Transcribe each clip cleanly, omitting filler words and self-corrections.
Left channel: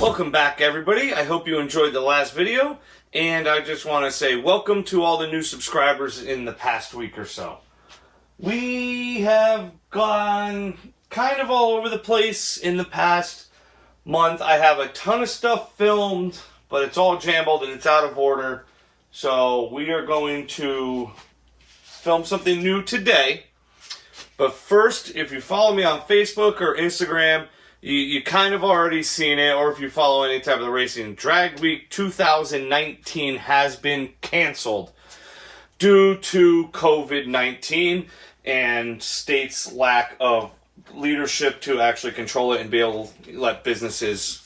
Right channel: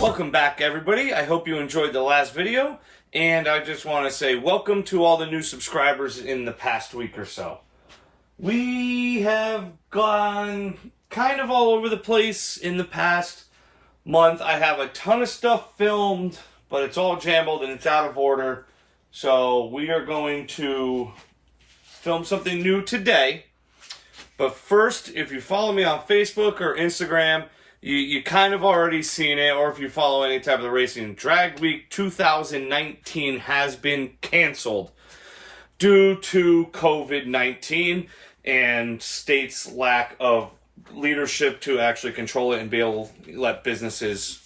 Welcome back, everybody. I hope you enjoyed the last video, and I just want to say welcome to all the new subscribers in the past week or so. We have gone kind of all over the place in the past month. I have a ton of stuff filmed, but it's all jumbled and it's out of order. So we are going to film something new today. But first, if you follow me on Facebook or Instagram, you kind of already seen it, or if you follow any type of the racing, Drag Week 2019 has been canceled due to COVID-19 and states' lack of leadership to actually control it and be able to let businesses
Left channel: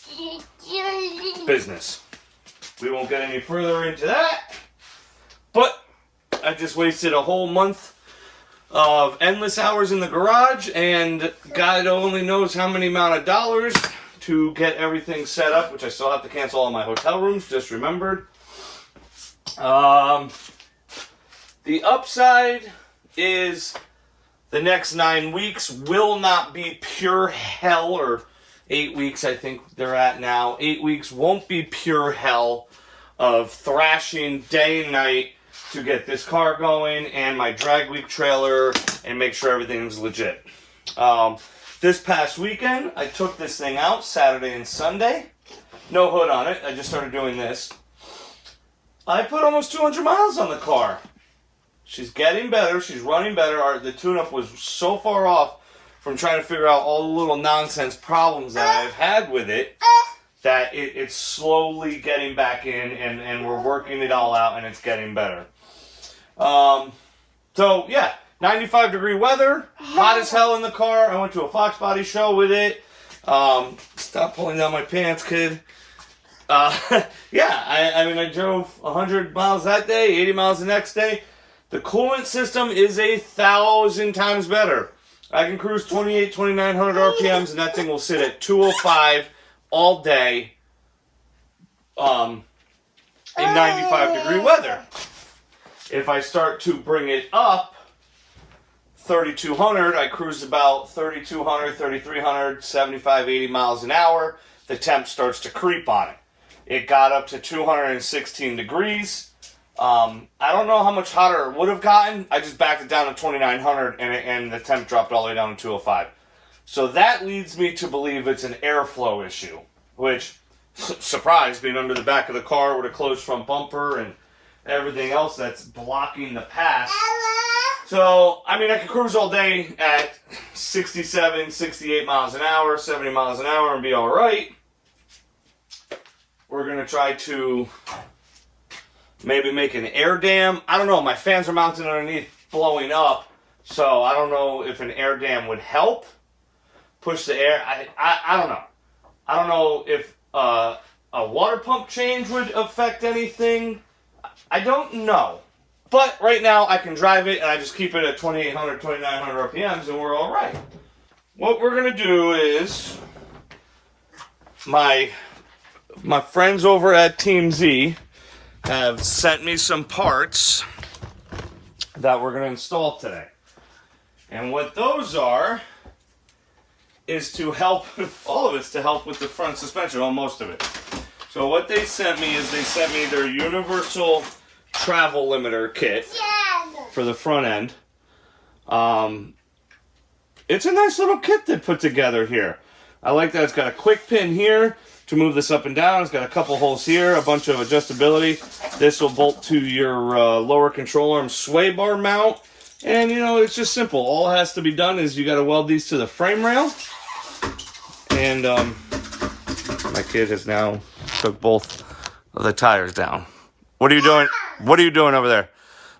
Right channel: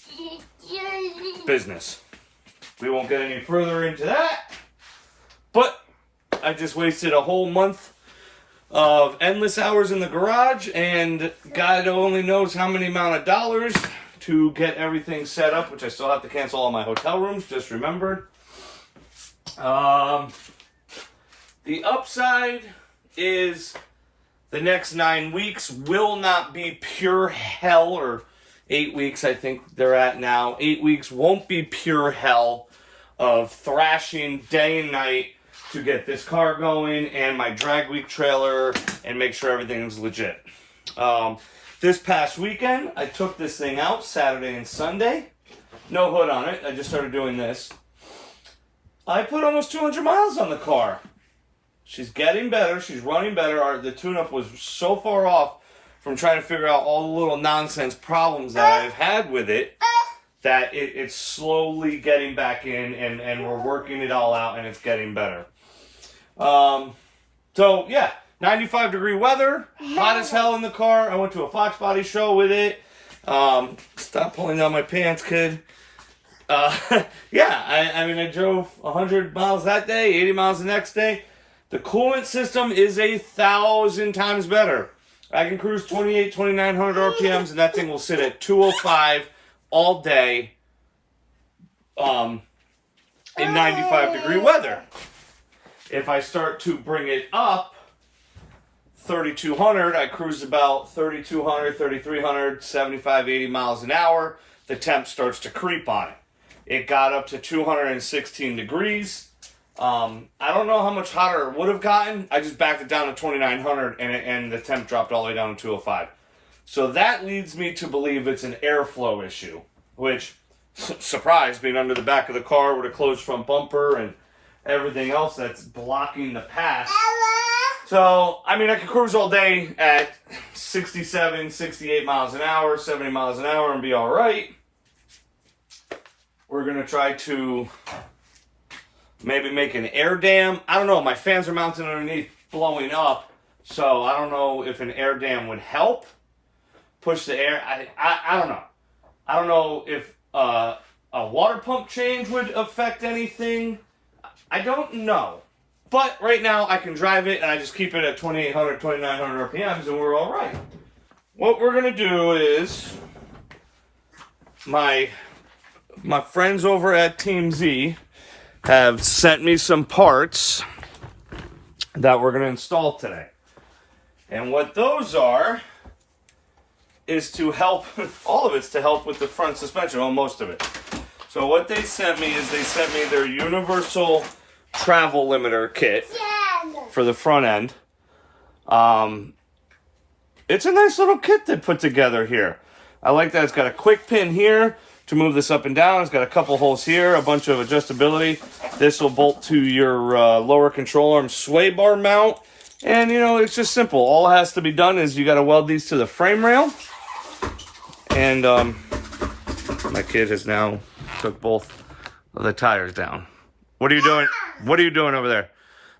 business. We won't get any further into that, but I just wasted a whole month of endless hours in the garage, and God only knows how many amount of dollars to get everything set up, which I still have to cancel all my hotel rooms, just remembered. The upside is the next 9 weeks will not be pure hell, or 8 weeks I think they're at now. 8 weeks won't be pure hell of thrashing day and night to get this car going and my Drag Week trailer and make sure everything's legit. This past weekend, I took this thing out Saturday and Sunday. No hood on it. I just started doing this. I put almost 200 miles on the car. She's getting better. She's running better. The tune-up was so far off from trying to figure out all the little nonsense problems that I've had with it that it's slowly getting back in, and we're working it all out, and it's getting better. So yeah, 95-degree weather, hot as hell in the car. I went to a Foxbody show with it. Stop pulling down my pants, kid. Yeah, I mean, I drove 100 miles that day, 80 miles the next day. The coolant system is 1,000 times better. I can cruise 2,900 RPMs, and that thing will sit at 205 all day, in 95-degree weather. If I start to bring it up 3,200, I cruise about 3,200, 3,300, 75, 80 miles an hour. The temp starts to creep on it. It got up to 216 degrees. I don't know how much hotter it would have gotten. I just backed it down to 2,900, and the temp dropped all the way down to 205. So that leads me to believe it's an airflow issue, which, surprise, being under the back of the car with a closed front bumper and everything else that's blocking the pass. So, I mean, I could cruise all day at 67, 68 miles an hour, 70 miles an hour and be all right. We're going to try to maybe make an air dam. I don't know. My fans are mounted underneath, blowing up. So, I don't know if an air dam would help push the air. I don't know. I don't know if a water pump change would affect anything. I don't know. But right now I can drive it, and I just keep it at 2,800, 2,900 RPMs, and we're all right. What we're going to do is my friends over at Team Z have sent me some parts that we're going to install today. And what those are is to help, all of it's to help with the front suspension, well, most of it. So what they sent me is they sent me their universal travel limiter kit for the front end. It's a nice little kit they put together here. I like that it's got a quick pin here to move this up and down. It's got a couple holes here, a bunch of adjustability. This will bolt to your lower control arm sway bar mount. And, you know, it's just simple. All that has to be done is you got to weld these to the frame rail. And my kid has now took both of the tires down. What are you doing? What are you doing over there?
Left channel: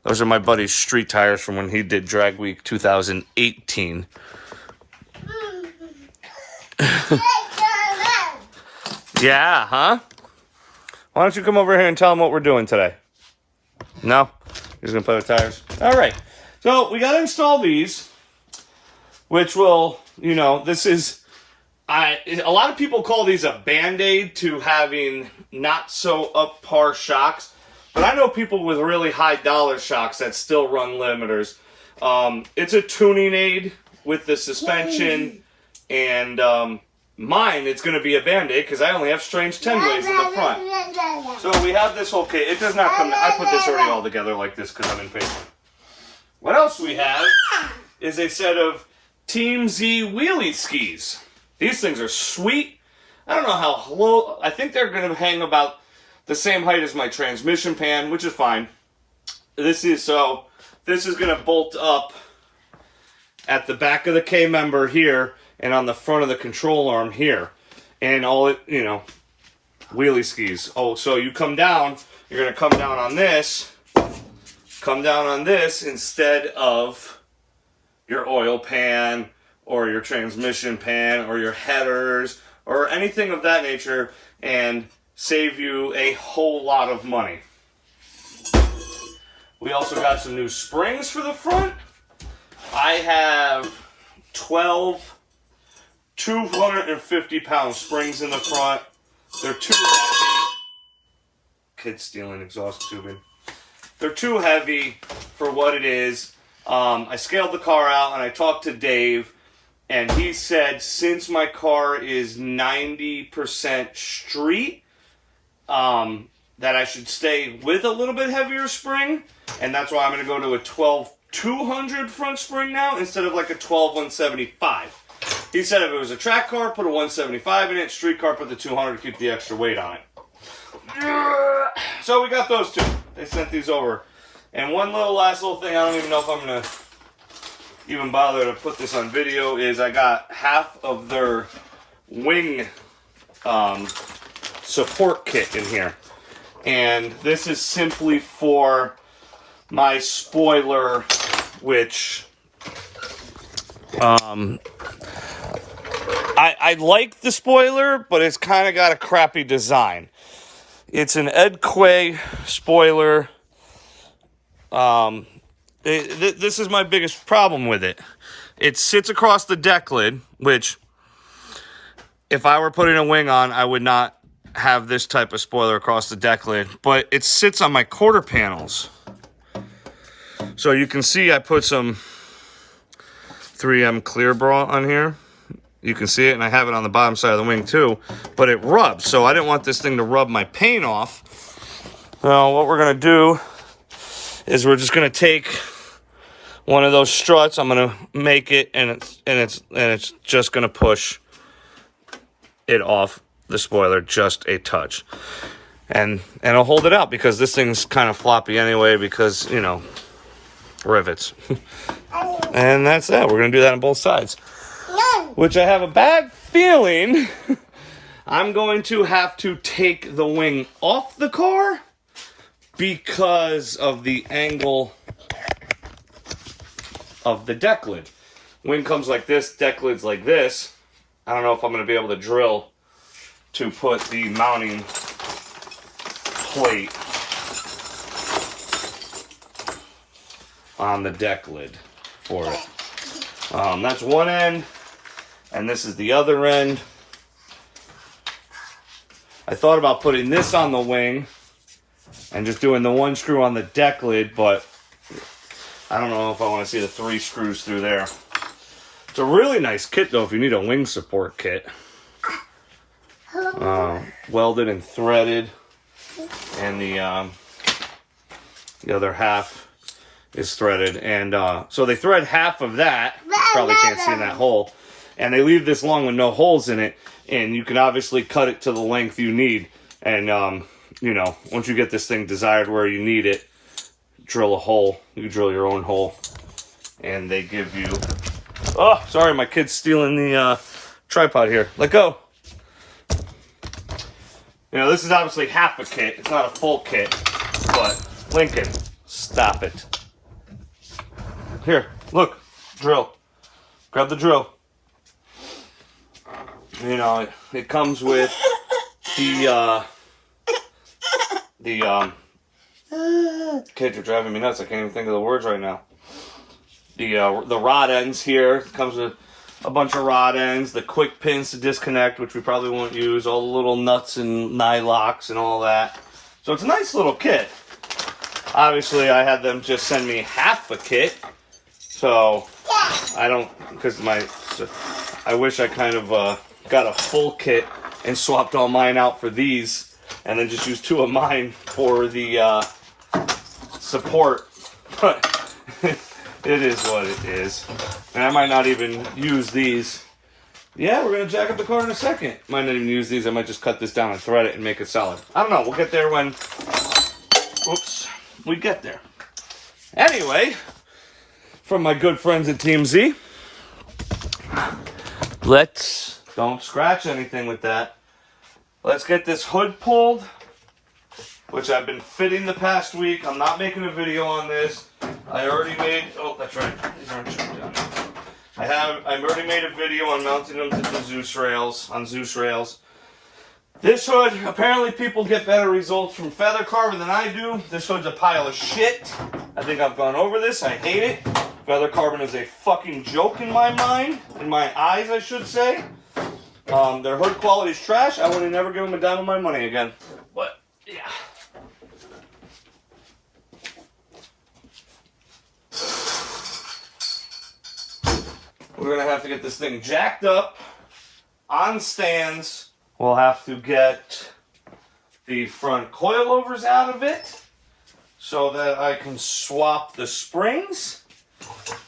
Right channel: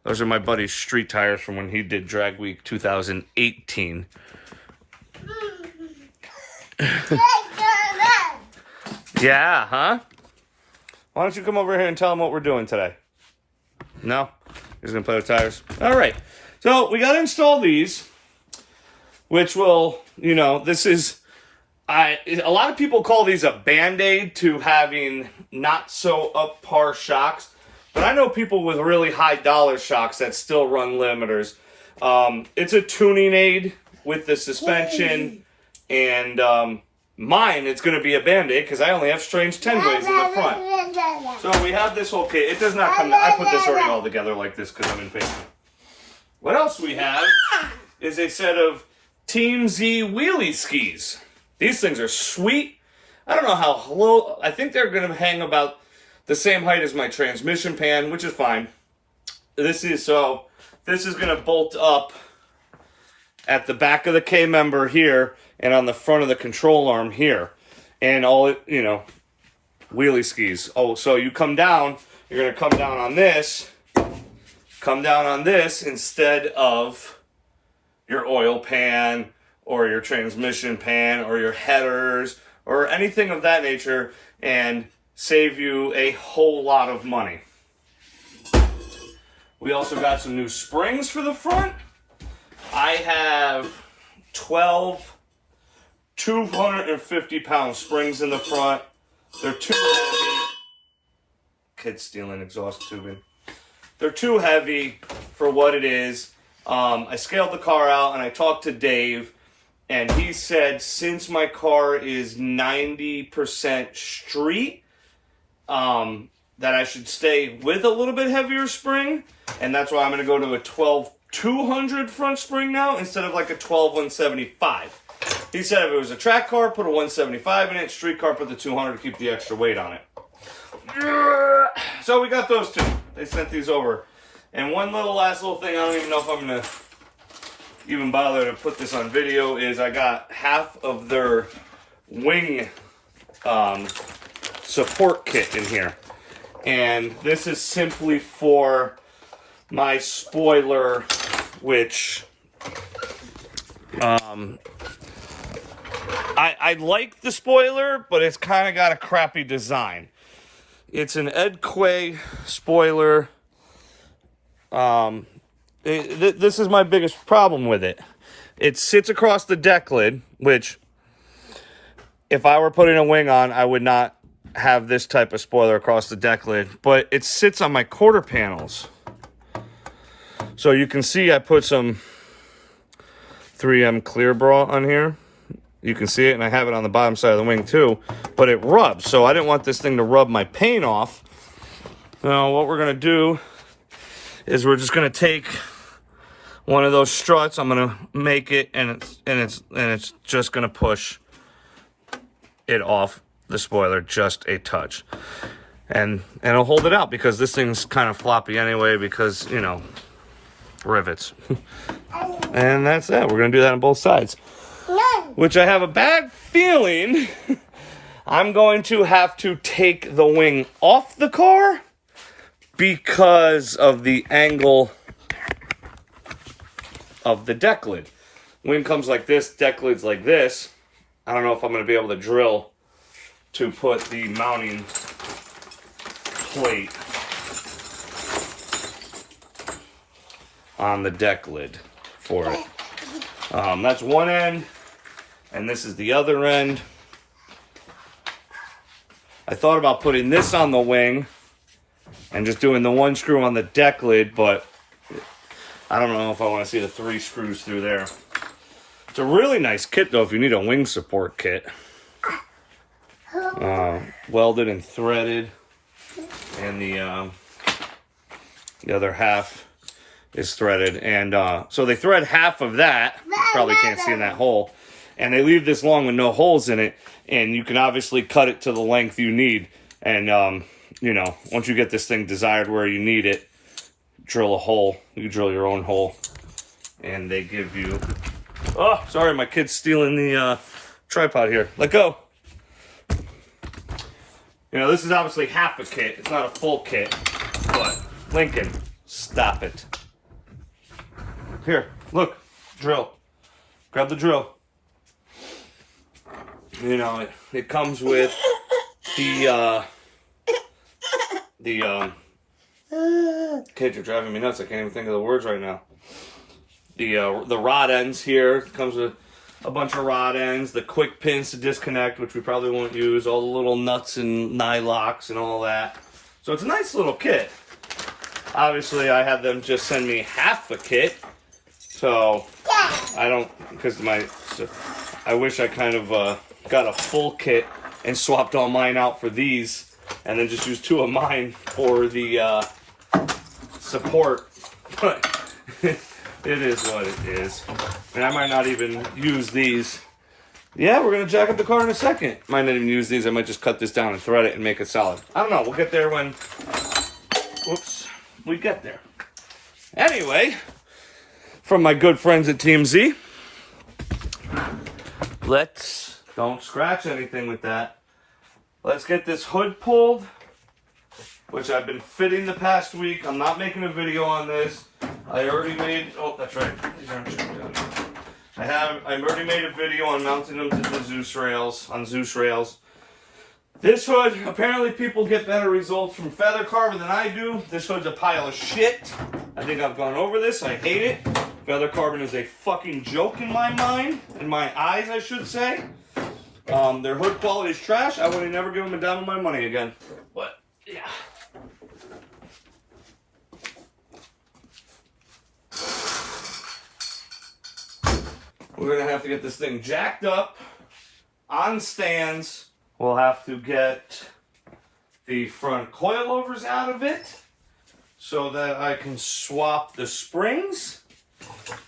Those are my buddy's street tires from when he did Drag Week 2018. Yeah, huh? Why don't you come over here and tell them what we're doing today? No? You're just going to play with tires? All right. So we got to install these, which will, you know, this is, a lot of people call these a Band-Aid to having not so up par shocks. But I know people with really high dollar shocks that still run limiters. It's a tuning aid with the suspension, and mine, it's going to be a Band-Aid because I only have strange 10 ways in the front. So we have this whole kit. It does not come, I put this already all together like this because I'm impatient. What else we have is a set of Team Z wheelie skis. These things are sweet. I don't know how low, I think they're going to hang about the same height as my transmission pan, which is fine. This is going to bolt up at the back of the K-member here and on the front of the control arm here. And all it, you know, wheelie skis. Oh, so you come down, you're going to come down on this instead of your oil pan or your transmission pan or your headers or anything of that nature, and save you a whole lot of money. We also got some new springs for the front. I have 12 250-pound springs in the front. They're too heavy. Kid stealing exhaust tubing. They're too heavy for what it is. I scaled the car out and I talked to Dave, and he said since my car is 90% street, that I should stay with a little bit heavier spring, and that's why I'm going to go to a 12-200 front spring now instead of like a 12-175. He said if it was a track car, put a 175 in it, street car, put the 200 to keep the extra weight on it. So we got those two. They sent these over. And one last little thing, I don't even know if I'm going to even bother to put this on video, is I got half of their wing support kit in here. And this is simply for my spoiler, which I like the spoiler, but it's kind of got a crappy design. It's an Ed Quay spoiler. This is my biggest problem with it. It sits across the deck lid, which if I were putting a wing on, I would not have this type of spoiler across the deck lid, but it sits on my quarter panels. So you can see I put some 3M clear bra on here. You can see it, and I have it on the bottom side of the wing too, but it rubs, so I didn't want this thing to rub my paint off. Now what we're going to do is we're just going to take one of those struts. I'm going to make it, and it's just going to push it off the spoiler just a touch, and I'll hold it out because this thing's kind of floppy anyway because, you know, rivets. And that's that. We're going to do that on both sides. Which I have a bad feeling I'm going to have to take the wing off the car because of the angle of the deck lid. Wing comes like this, deck lid's like this. I don't know if I'm going to be able to drill to put the mounting plate on the deck lid for it. That's one end, and this is the other end. I thought about putting this on the wing and just doing the one screw on the deck lid, but I don't know if I want to see the 3 screws through there. It's a really nice kit, though, if you need a wing support kit. Welded and threaded, and the other half is threaded. And so they thread half of that. You probably can't see in that hole. And they leave this long with no holes in it, and you can obviously cut it to the length you need. And, you know, once you get this thing desired where you need it, drill a hole. You drill your own hole. And they give you... Oh, sorry, my kid's stealing the tripod here. Let go. You know, this is obviously half a kit. It's not a full kit. But, Lincoln, stop it. Here, look. Drill. Grab the drill. You know, it comes with the kids are driving me nuts. I can't even think of the words right now. The rod ends here. It comes with a bunch of rod ends, the quick pins to disconnect, which we probably won't use, all the little nuts and nylocks and all that. So it's a nice little kit. Obviously, I had them just send me half a kit. So, I don't, because I wish I kind of got a full kit and swapped all mine out for these. And then just used 2 of mine for the support. But it is what it is. And I might not even use these. Yeah, we're going to jack up the car in a second. Might not even use these. I might just cut this down and thread it and make it solid. I don't know. We'll get there when... Oops. We get there. Anyway, from my good friends at TMZ, don't scratch anything with that. Let's get this hood pulled, which I've been fitting the past week. I'm not making a video on this. I already made, oh, that's right. These aren't checked out. I already made a video on mounting them to the Zeus rails, This hood, apparently people get better results from feather carbon than I do. This hood's a pile of shit. I think I've gone over this. I hate it. Feather carbon is a fucking joke in my mind. In my eyes, I should say. Their hood quality is trash. I would never give them a dime of my money again. But, yeah. We're going to have to get this thing jacked up on stands. We'll have to get the front coilovers out of it so that I can swap the springs.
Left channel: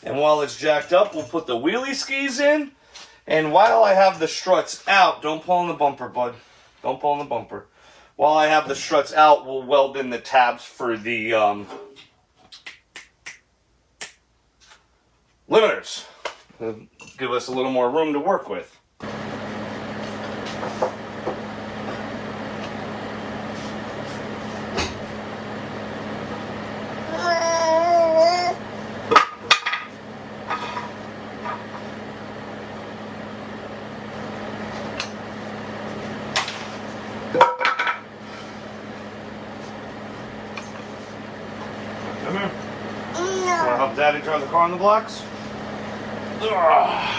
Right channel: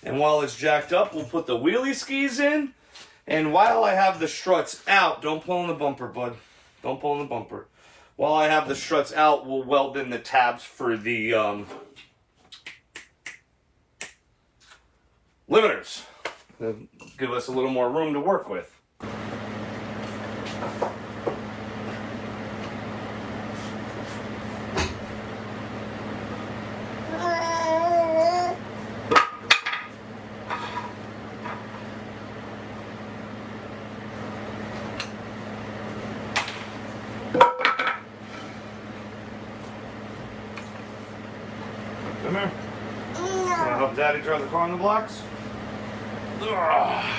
And while it's jacked up, we'll put the wheelie skis in. And while I have the struts out, don't pull on the bumper, bud. Don't pull on the bumper. While I have the struts out, we'll weld in the tabs for the limiters. Give us a little more room to work with. Come here. Want to help Daddy drive the car on the blocks? Ugh.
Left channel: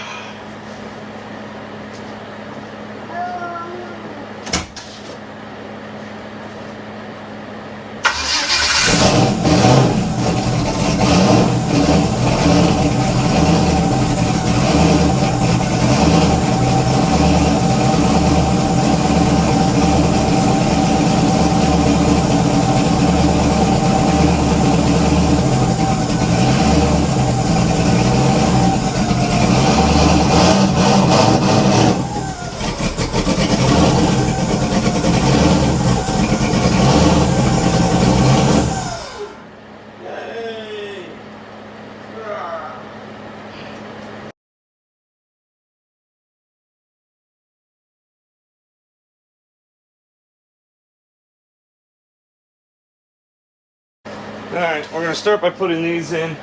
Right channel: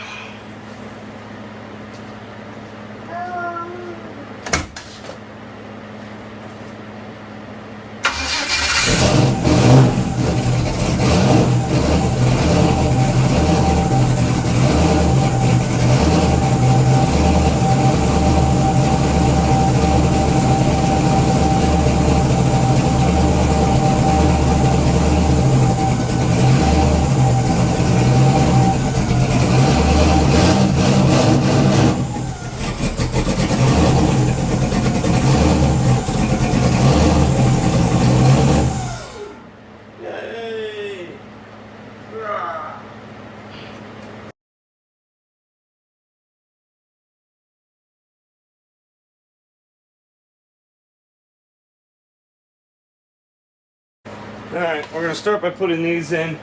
Alright, we're going to start by putting these in,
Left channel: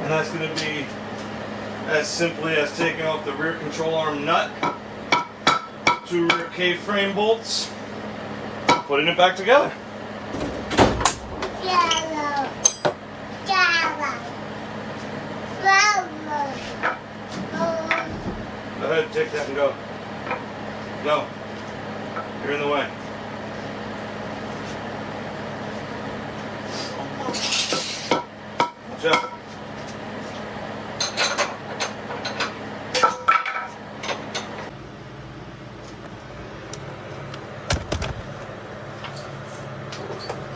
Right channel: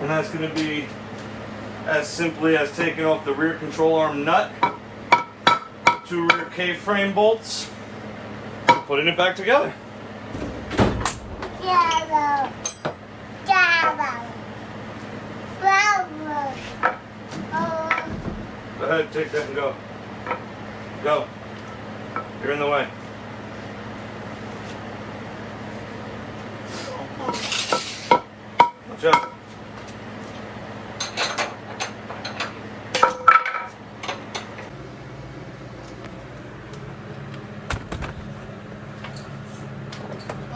and that's going to be as simply as taking off the rear control arm nut, 2 rear K-frame bolts, and putting it back together. Go ahead, take that and go. Go. You're in the way. Watch out.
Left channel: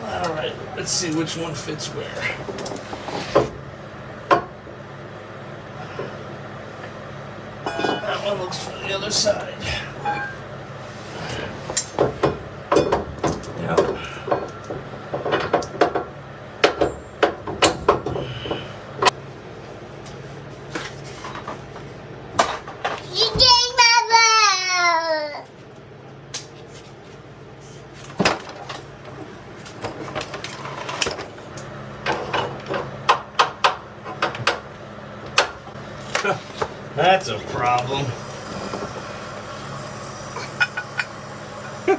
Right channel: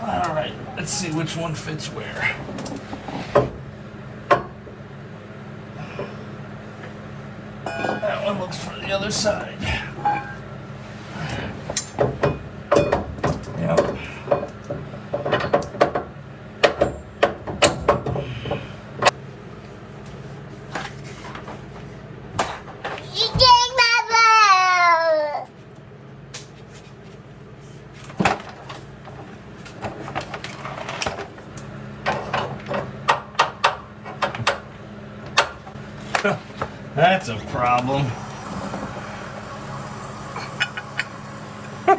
All right, let's see which one fits where. That one looks from the other side. Yep. That's a problem. Go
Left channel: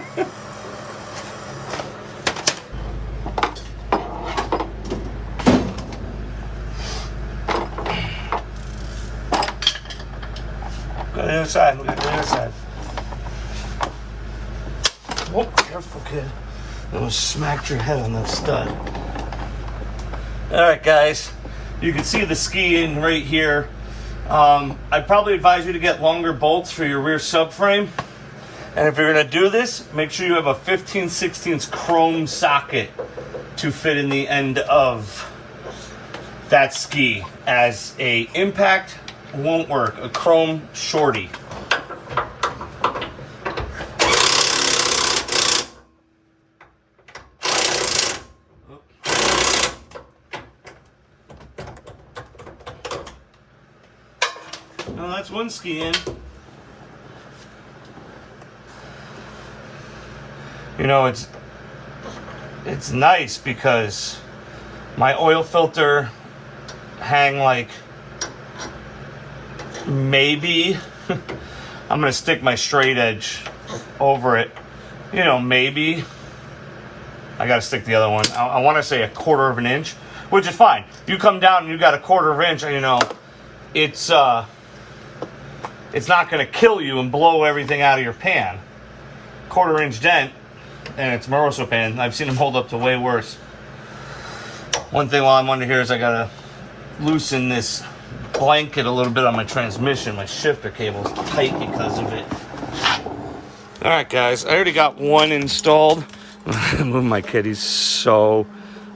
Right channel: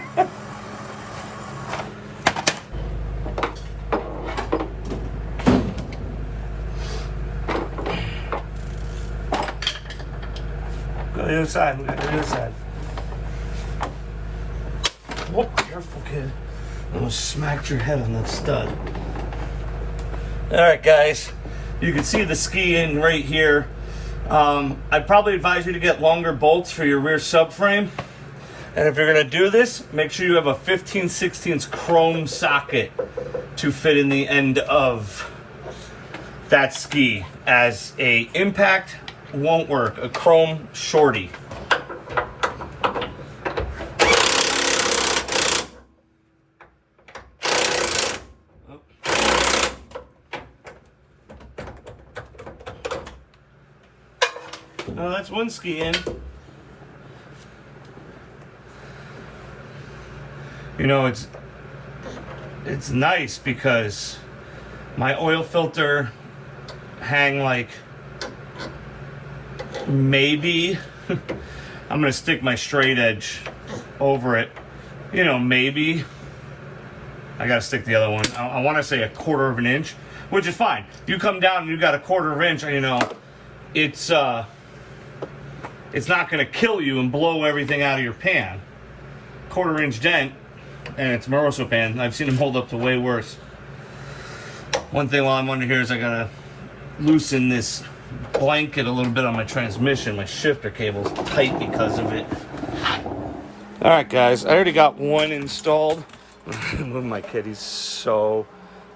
to the other side. Go to the other side. Oh, careful, kid. You almost smacked your head on that stud. Alright guys, you can see the ski in right here. I'd probably advise you to get longer bolts for your rear subframe. And if you're going to do this, make sure you have a 15/16 chrome socket to fit in the end of that ski, as a impact won't work. A chrome shorty. Now that's one ski in. You know, it's nice because my oil filter hang like maybe I'm gonna stick my straight edge over it. You know, maybe I gotta stick the other one. I want to say 1/4 of an inch, which is fine. You come down and you got 1/4 of an inch, you know, it's not gonna kill you and blow everything out of your pan. 1/4 inch dent. And it's Moroso pan. I've seen them hold up to way worse. One thing while I'm under here is I gotta loosen this blanket a little bit on my transmission. My shifter cable's tight because of it. Alright guys, I already got one installed. My kid, he's so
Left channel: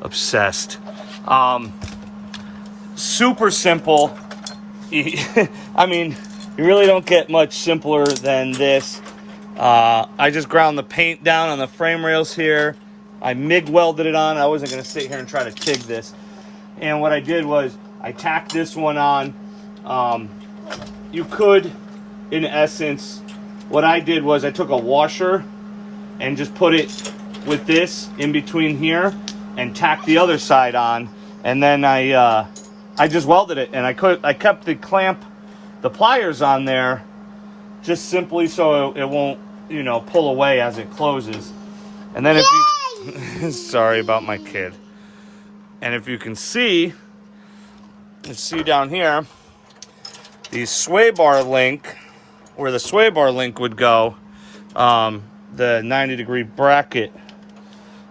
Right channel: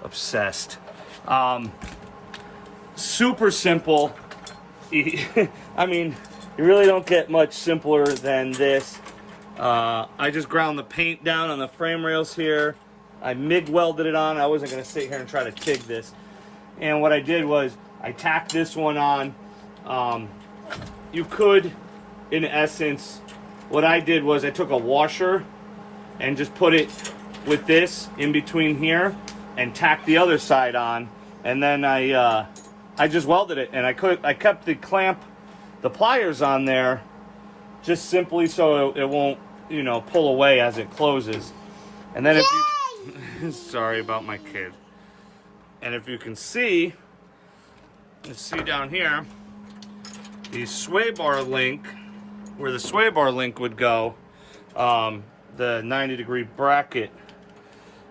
obsessed. Super simple. I mean, you really don't get much simpler than this. I just ground the paint down on the frame rails here. I MIG welded it on. I wasn't going to sit here and try to TIG this. And what I did was I tacked this one on. You could, in essence, what I did was I took a washer and just put it with this in between here and tacked the other side on. And then I just welded it, and I kept the clamp, the pliers on there, just simply so it won't, you know, pull away as it closes. And then if you sorry about my kid. And if you can see, let's see down here, the sway bar link, where the sway bar link would go, the 90-degree bracket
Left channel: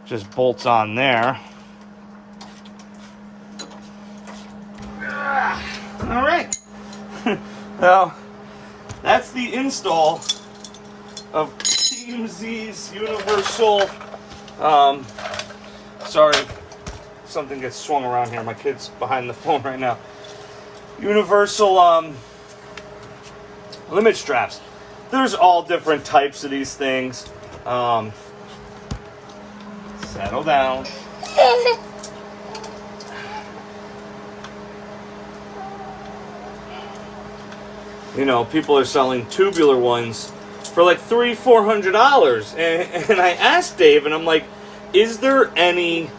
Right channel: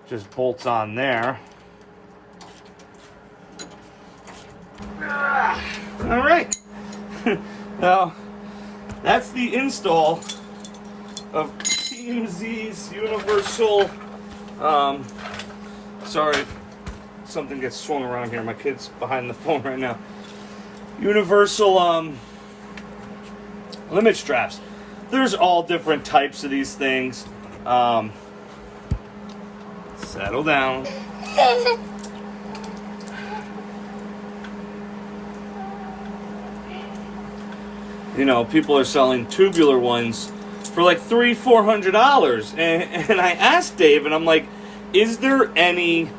just bolts on there. All right. Now, that's the install of Team Z's Universal. Sorry, something gets swung around here. My kid's behind the phone right now. Universal limit straps. There's all different types of these things. Settle down. You know, people are selling tubular ones for like $300-400, and I asked Dave, and I'm like, is there any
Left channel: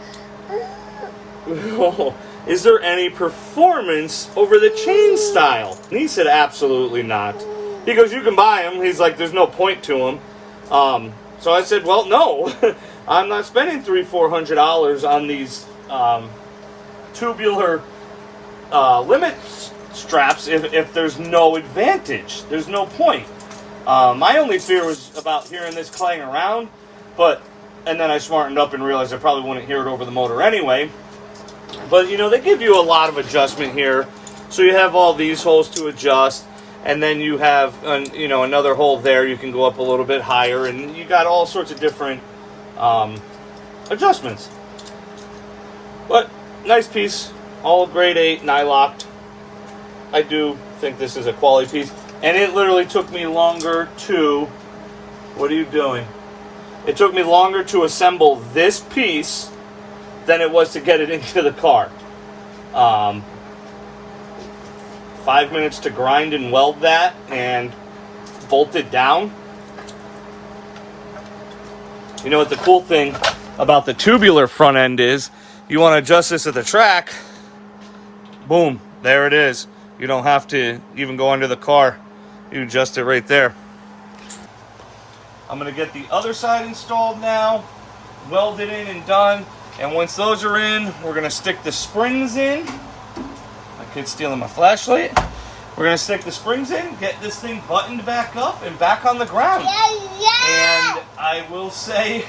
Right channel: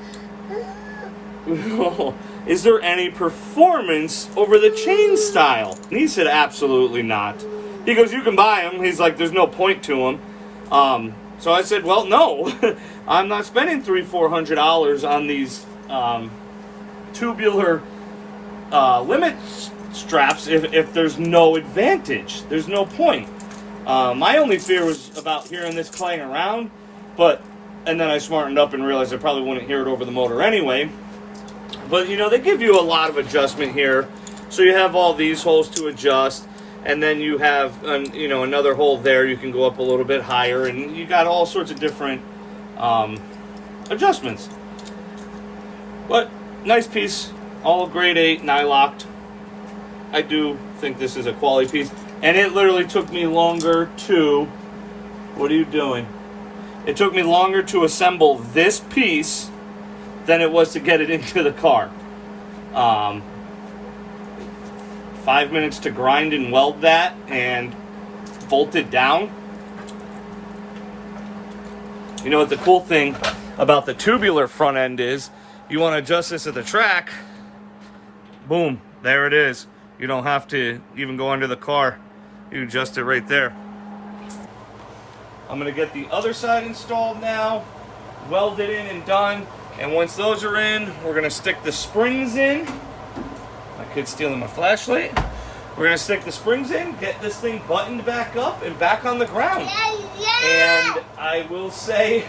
performance over the chain style? And he said absolutely not. He goes, you can buy them. He's like, there's no point to them. So I said, well, no, I'm not spending $300-400 on these tubular limit straps if there's no advantage. There's no point. My only fear was about hearing this clang around, and then I smartened up and realized I probably wouldn't hear it over the motor anyway. But, you know, they give you a lot of adjustment here. So you have all these holes to adjust, and then you have, you know, another hole there. You can go up a little bit higher, and you got all sorts of different adjustments. But nice piece, all grade 8 nylocked. I do think this is a quality piece, and it literally took me longer to, what are you doing? It took me longer to assemble this piece than it was to get it into the car. 5 minutes to grind and weld that and bolt it down. You know what the cool thing about the tubular front end is? You want to adjust this at the track, boom, there it is. You don't have to even go under the car. You adjust it right there. I'm going to get the other side installed now, welded in and done. And once those are in, we're going to stick the springs in. My kid's stealing my flashlight. We're going to stick the springs in, get this thing buttoned back up and back on the ground. And I will say,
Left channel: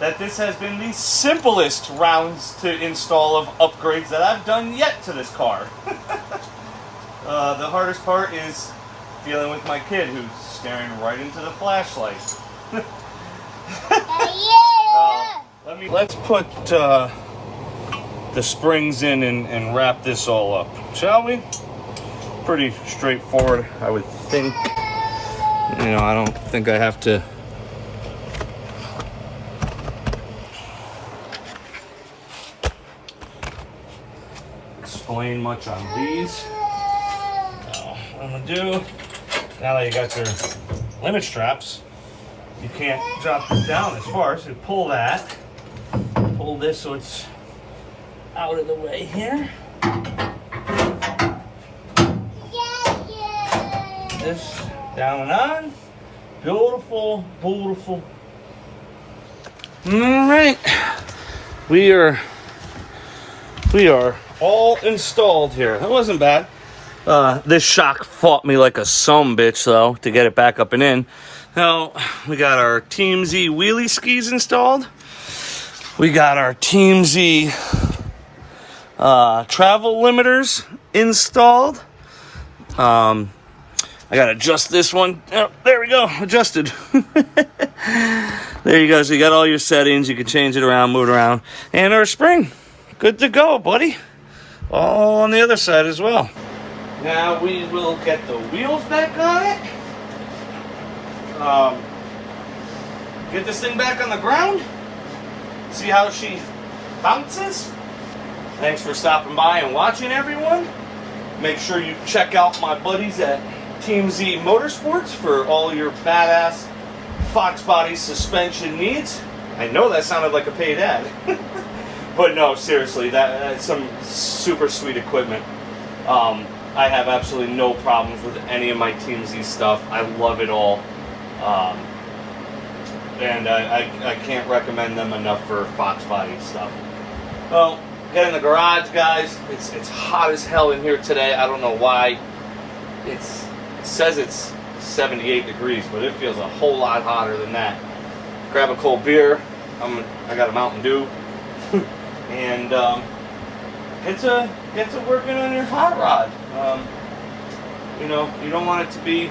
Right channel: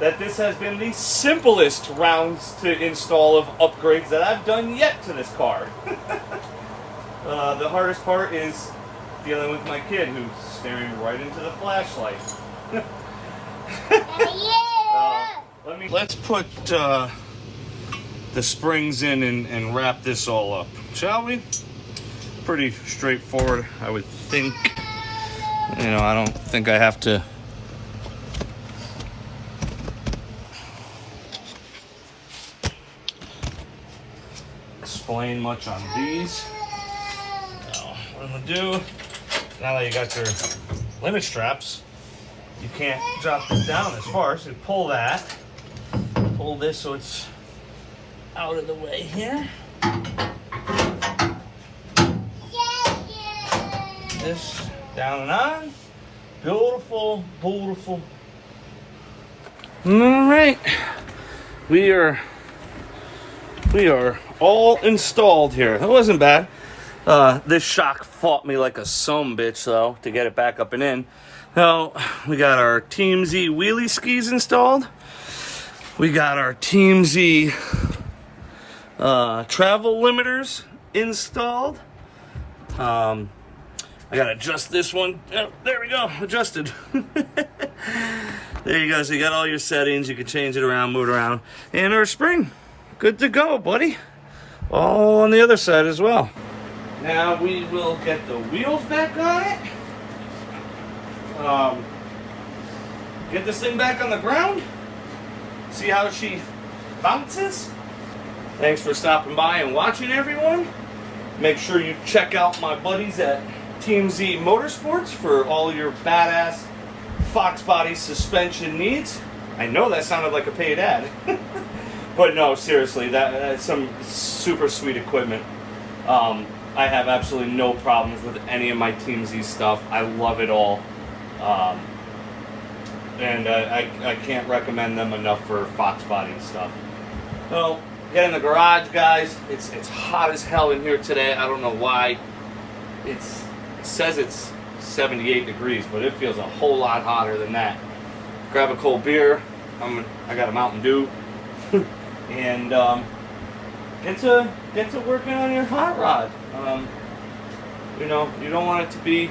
that this has been the simplest rounds to install of upgrades that I've done yet to this car. The hardest part is dealing with my kid who's staring right into the flashlight. Let's put the springs in and wrap this all up, shall we? Pretty straightforward, I would think. You know, I don't think I have to explain much on these. Now, what I'm gonna do, now that you got your limit straps, you can't drop this down as far, so you pull that. Pull this so it's out of the way here. This down and on. Beautiful, beautiful. All right, we are all installed here. That wasn't bad. This shock fought me like a sumbitch though to get it back up and in. Now we got our Team Z wheelie skis installed. We got our Team Z travel limiters installed. I gotta adjust this one. Oh, there we go, adjusted. There you go, so you got all your settings. You can change it around, move it around. And our spring, good to go, buddy. All on the other side as well. Now we will get the wheels back on it. Get this thing back on the ground. See how she bounces. Thanks for stopping by and watching, everyone. Make sure you check out my buddies at Team Z Motorsports for all your badass Foxbody suspension needs. I know that sounded like a paid ad. But no, seriously, that's some super sweet equipment. I have absolutely no problems with any of my Team Z stuff. I love it all. And I can't recommend them enough for Foxbody stuff. Well, get in the garage, guys. It's hot as hell in here today. I don't know why. It says it's 78 degrees, but it feels a whole lot hotter than that. Grab a cold beer. I got a Mountain Dew. And get to working on your hot rod. You know, you don't want it to be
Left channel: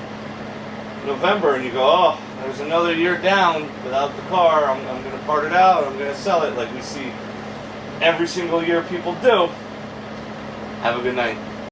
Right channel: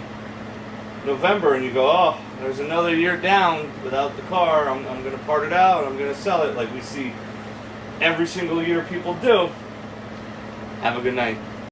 November and you go, oh, there's another year down without the car. I'm going to part it out. I'm going to sell it like we see every single year people do. Have a good night.